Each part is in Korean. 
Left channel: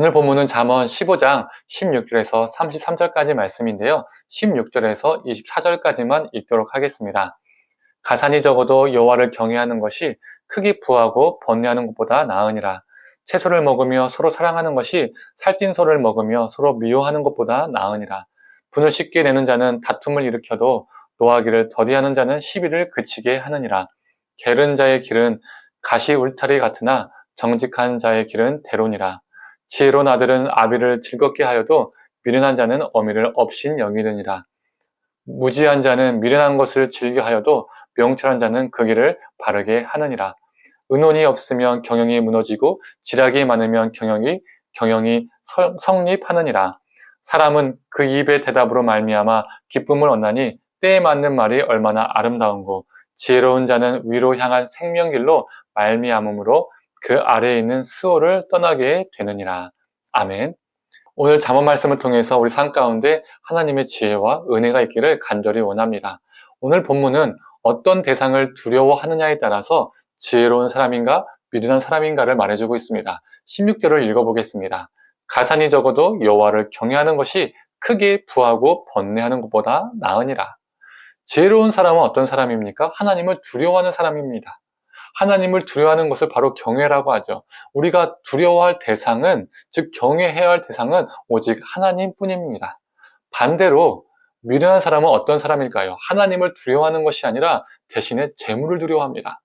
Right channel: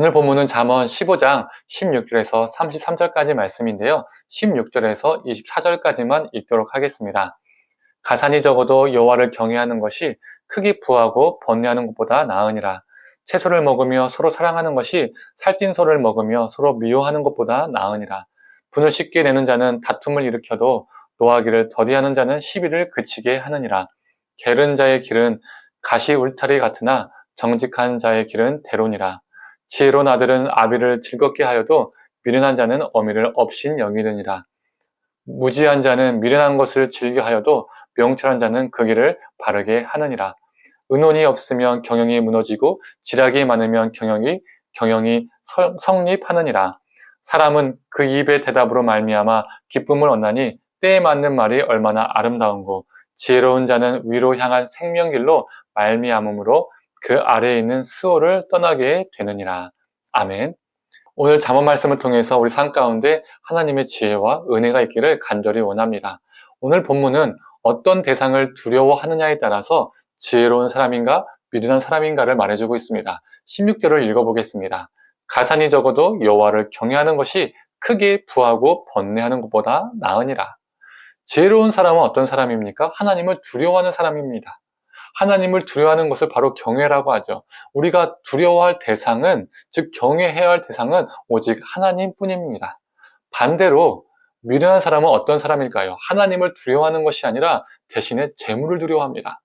오늘 본문은 잠언 15장 16절에서 33절까지 말씀인데요. 16절에서 24절까지만 읽도록 하겠습니다. 가산이 적어도 여호와를 경외하는 것이 크게 부하고 번뇌하는 것보다 나으니라. 채소를 먹으며 서로 사랑하는 것이 살찐 소를 먹으며 서로 미워하는 것보다 나으니라. 분을 쉽게 내는 자는 다툼을 일으켜도 노하기를 더디하는 자는 시비를 그치게 하느니라. 게으른 자의 길은 가시 울타리 같으나 정직한 자의 길은 대론이라. 지혜로운 아들은 아비를 즐겁게 하여도 미련한 자는 어미를 업신 여기느니라. 무지한 자는 미련한 것을 즐겨하여도 명철한 자는 그 길을 바르게 하느니라. 의논이 없으면 경영이 무너지고 지략이 많으면 경영이 성립하느니라. 사람은 그 입의 대답으로 말미암아 기쁨을 얻나니 때에 맞는 말이 얼마나 아름다운고 지혜로운 자는 위로 향한 생명길로 말미암음으로 그 아래에 있는 수호를 떠나게 되느니라. 아멘. 오늘 잠언 말씀을 통해서 우리 삶 가운데 하나님의 지혜와 은혜가 있기를 간절히 원합니다. 오늘 본문은 어떤 대상을 두려워하느냐에 따라서 지혜로운 사람인가 미련한 사람인가를 말해주고 있습니다. 16절을 읽어보겠습니다. 가산이 적어도 여호와를 경외하는 것이 크게 부하고 번뇌하는 것보다 나으니라. 지혜로운 사람은 어떤 사람입니까? 하나님을 두려워하는 사람입니다. 하나님을 두려워하는 것을 바로 경외라고 하죠. 우리가 두려워할 대상은, 즉 경외해야 할 대상은 오직 하나님뿐입니다. 반대로 미련한 사람은 어떤 사람일까요? 하나님을 두려워하는 것이 아니라 대신에 재물을 두려워합니다.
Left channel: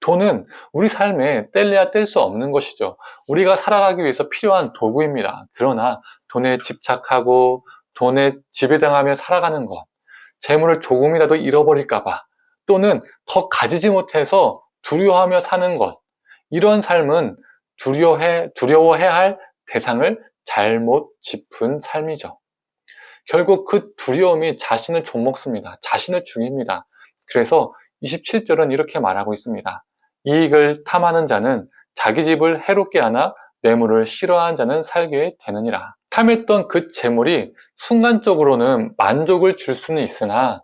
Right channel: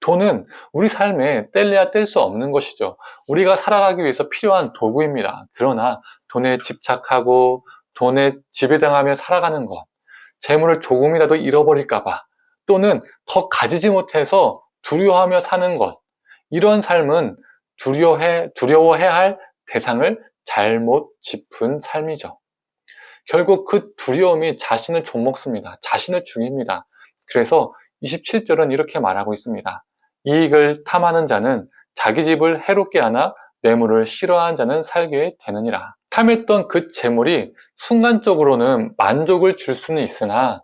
돈은 우리 삶에 뗄래야 뗄 수 없는 것이죠. 우리가 살아가기 위해서 필요한 도구입니다. 그러나 돈에 집착하고 돈에 지배당하며 살아가는 것, 재물을 조금이라도 잃어버릴까 봐, 또는 더 가지지 못해서 두려워하며 사는 것, 이런 삶은 두려워해야 할 대상을 잘못 짚은 삶이죠. 결국 그 두려움이 자신을 좀먹습니다. 자신을 죽입니다. 그래서 27절은 이렇게 말하고 있습니다. 이익을 탐하는 자는 자기 집을 해롭게 하나 뇌물을 싫어하는 자는 살게 되느니라. 탐했던 그 재물이 순간적으로는 만족을 줄 수는 있으나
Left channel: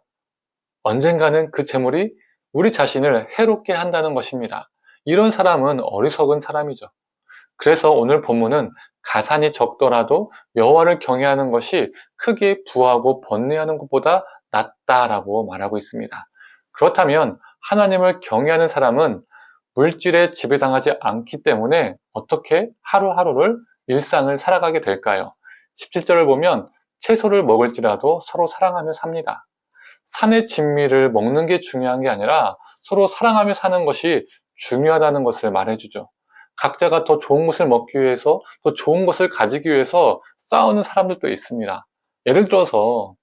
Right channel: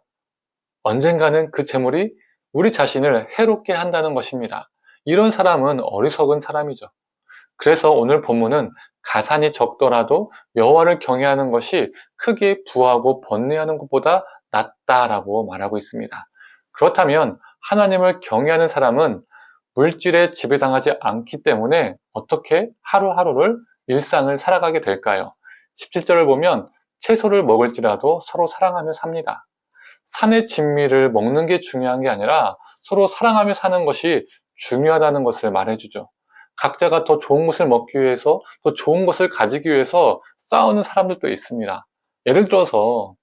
언젠가는 그 재물이 우리 자신을 해롭게 한다는 것입니다. 이런 사람은 어리석은 사람이죠. 그래서 오늘 본문은 가산이 적더라도 여호와를 경외하는 것이 크게 부하고 번뇌하는 것보다 낫다라고 말하고 있습니다. 그렇다면 하나님을 경외하는 사람은 물질에 지배당하지 않기 때문에 어떻게 하루하루를 일상을 살아가게 될까요? 17절을 보면 채소를 먹을지라도 서로 사랑하며 삽니다. 산의 진미를 먹는 게 중요한 게 아니라 서로 사랑하며 사는 것이 중요하다는 것을 말해주죠. 각자가 더 좋은 것을 먹기 위해서, 더 좋은 것을 가지기 위해서 싸우는 사람들도 있습니다. 예를 들어서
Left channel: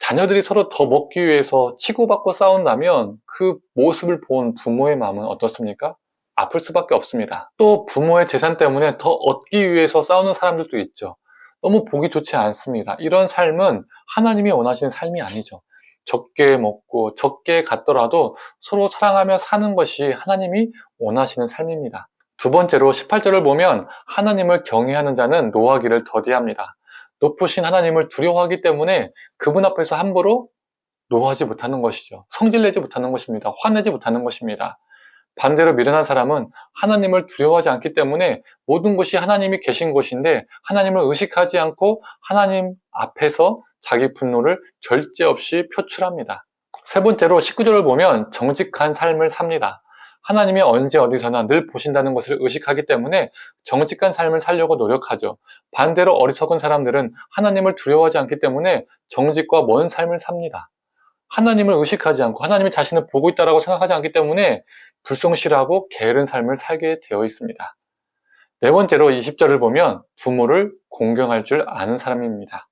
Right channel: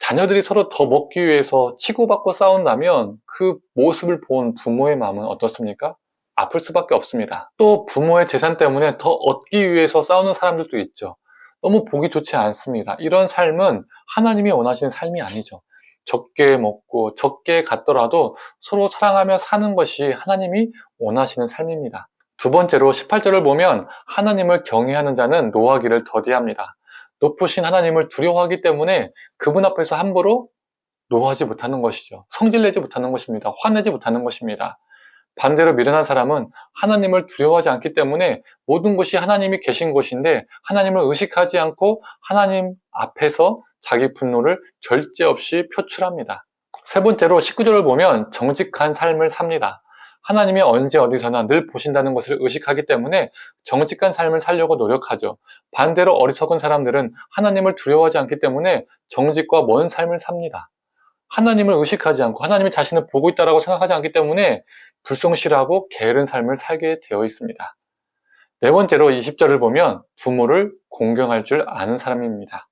자녀들이 서로 더 먹기 위해서 치고받고 싸운다면 그 모습을 본 부모의 마음은 어떻습니까? 아플 수밖에 없습니다. 또 부모의 재산 때문에 더 얻기 위해서 싸우는 사람들도 있죠. 너무 보기 좋지 않습니다. 이런 삶은 하나님이 원하시는 삶이 아니죠. 적게 먹고 적게 갖더라도 서로 사랑하며 사는 것이 하나님이 원하시는 삶입니다. 두 번째로 18절을 보면 하나님을 경외하는 자는 노하기를 더디합니다. 높으신 하나님을 두려워하기 때문에 그분 앞에서 함부로 노하지 못하는 것이죠. 성질내지 못하는 것입니다. 화내지 못하는 것입니다. 반대로 미련한 사람은 하나님을 두려워하지 않기 때문에 모든 것이 하나님이 계신 곳인데 하나님을 의식하지 않고 하나님 앞에서 자기 분노를 절제 없이 표출합니다. 세 번째로 19절을 보면 정직한 삶을 삽니다. 하나님이 언제 어디서나 늘 보신다는 것을 의식하기 때문에 정직한 삶을 살려고 노력하죠. 반대로 어리석은 사람들은 하나님을 두려워하지 않기 때문에 정직과 먼 삶을 삽니다. 하나님을 의식하지 않고 하나님이 자신을 보고 있다고 생각하지 않기 때문에 불성실하고 게으른 삶을 살게 되어 있습니다. 네 번째로 20절을 보면 부모를 공경할 줄 아는 사람입니다.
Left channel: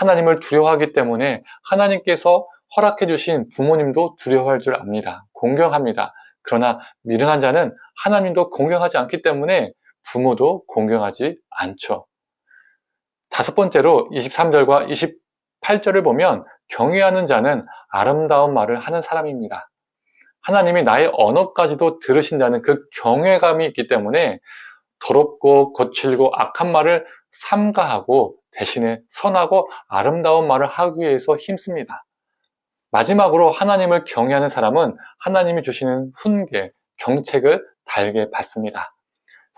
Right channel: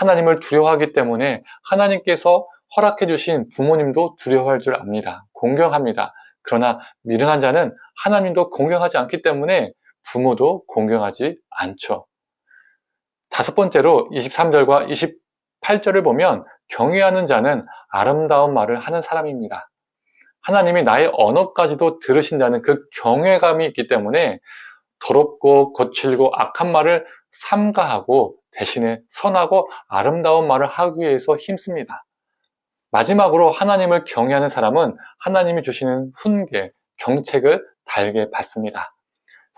하나님을 두려워하기 때문에 하나님께서 허락해 주신 부모님도 두려워할 줄 압니다. 공경합니다. 그러나 미련한 자는 하나님도 공경하지 않기 때문에 부모도 공경하지 않죠. 다섯 번째로 23절과 28절을 보면 경외하는 자는 아름다운 말을 하는 사람입니다. 하나님이 나의 언어까지도 들으신다는 그 경외감이 있기 때문에 더럽고 거칠고 악한 말을 삼가하고 대신에 선하고 아름다운 말을 하기 위해서 힘씁니다. 마지막으로 하나님을 경외하는 사람은 하나님이 주시는 훈계, 경책을 달게 받습니다.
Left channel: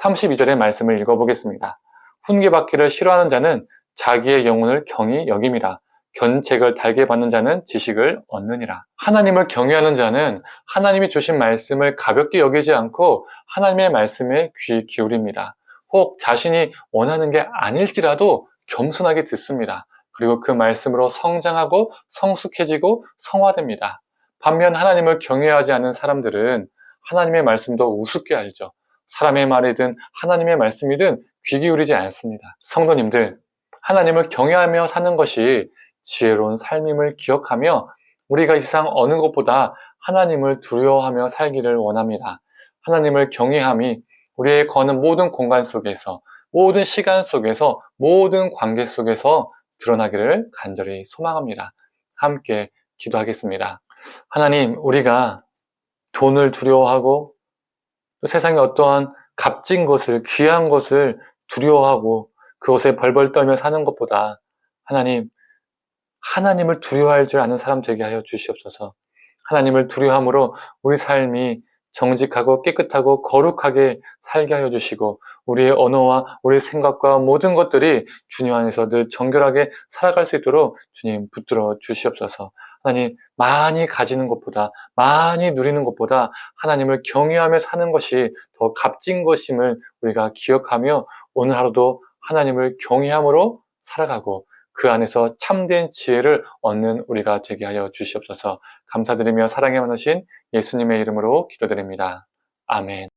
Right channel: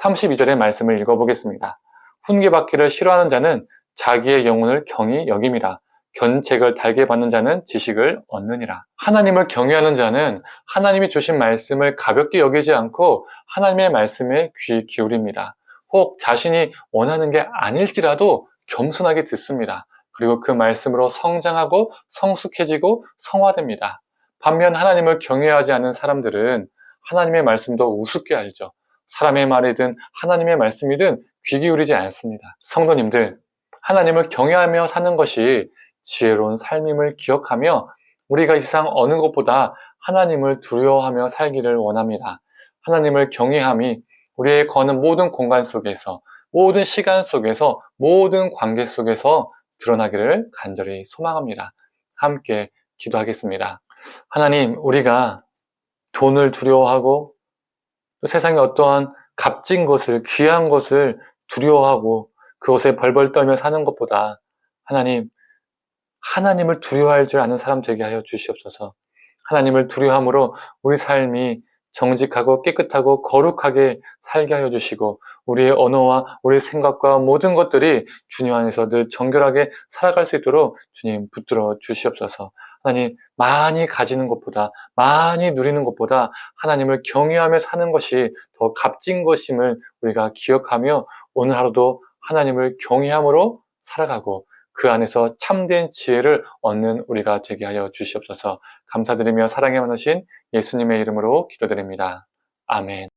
32절의 말씀을 읽어보겠습니다. 훈계받기를 싫어하는 자는 자기의 영혼을 경히 여김이라. 견책을 달게 받는 자는 지식을 얻느니라. 하나님을 경외하는 자는 하나님이 주신 말씀을 가볍게 여기지 않고 하나님의 말씀에 귀 기울입니다. 혹 자신이 원하는 게 아닐지라도 겸손하게 듣습니다. 그리고 그 말씀으로 성장하고 성숙해지고 성화됩니다. 반면 하나님을 경외하지 않는 사람들은 하나님의 말씀도 우습게 알죠. 사람의 말이든 하나님의 말씀이든 귀 기울이지 않습니다. 성도님들, 하나님을 경외하며 사는 것이 지혜로운 삶임을 기억하며 우리가 이 세상 어느 것보다 하나님을 두려워하며 살기를 원합니다. 하나님을 경외함이 우리의 거는 모든 공간 속에서, 모든 시간 속에서, 모든 관계 속에서 드러나기를 간절히 소망합니다. 함께 기도하겠습니다. 하나님, 우리가 돈을 두려워하고 또 세상의 어떠한 값진 것을, 귀한 것을 두려워하고 그것에 벌벌 떨며 사는 것보다 하나님을 두려워할 줄 아는 사람 되게 하여 주시옵소서. 하나님을 두려워함으로 우리 삶이 정직하고 깨끗하고 거룩하게 살게 하여 주시고 우리의 언어와 우리의 생각과 모든 것들이 주님 안에서 늘 정결하게 살아갈 수 있도록 주님 붙들어 주시옵소서. 하나님, 많이 가지는 것보다, 많이 누리는 것보다 하나님을 경외하며 사는 것이 더 값진 것임을 우리가 기억하며 오늘 하루도 하나님을 경외함으로 살아가고 그 안에서 참된 지혜를 얻는 우리가 되게 하여 주시옵소서. 감사드리며 사랑에 많으신 예수님의 이름으로 기도드립니다. 아멘.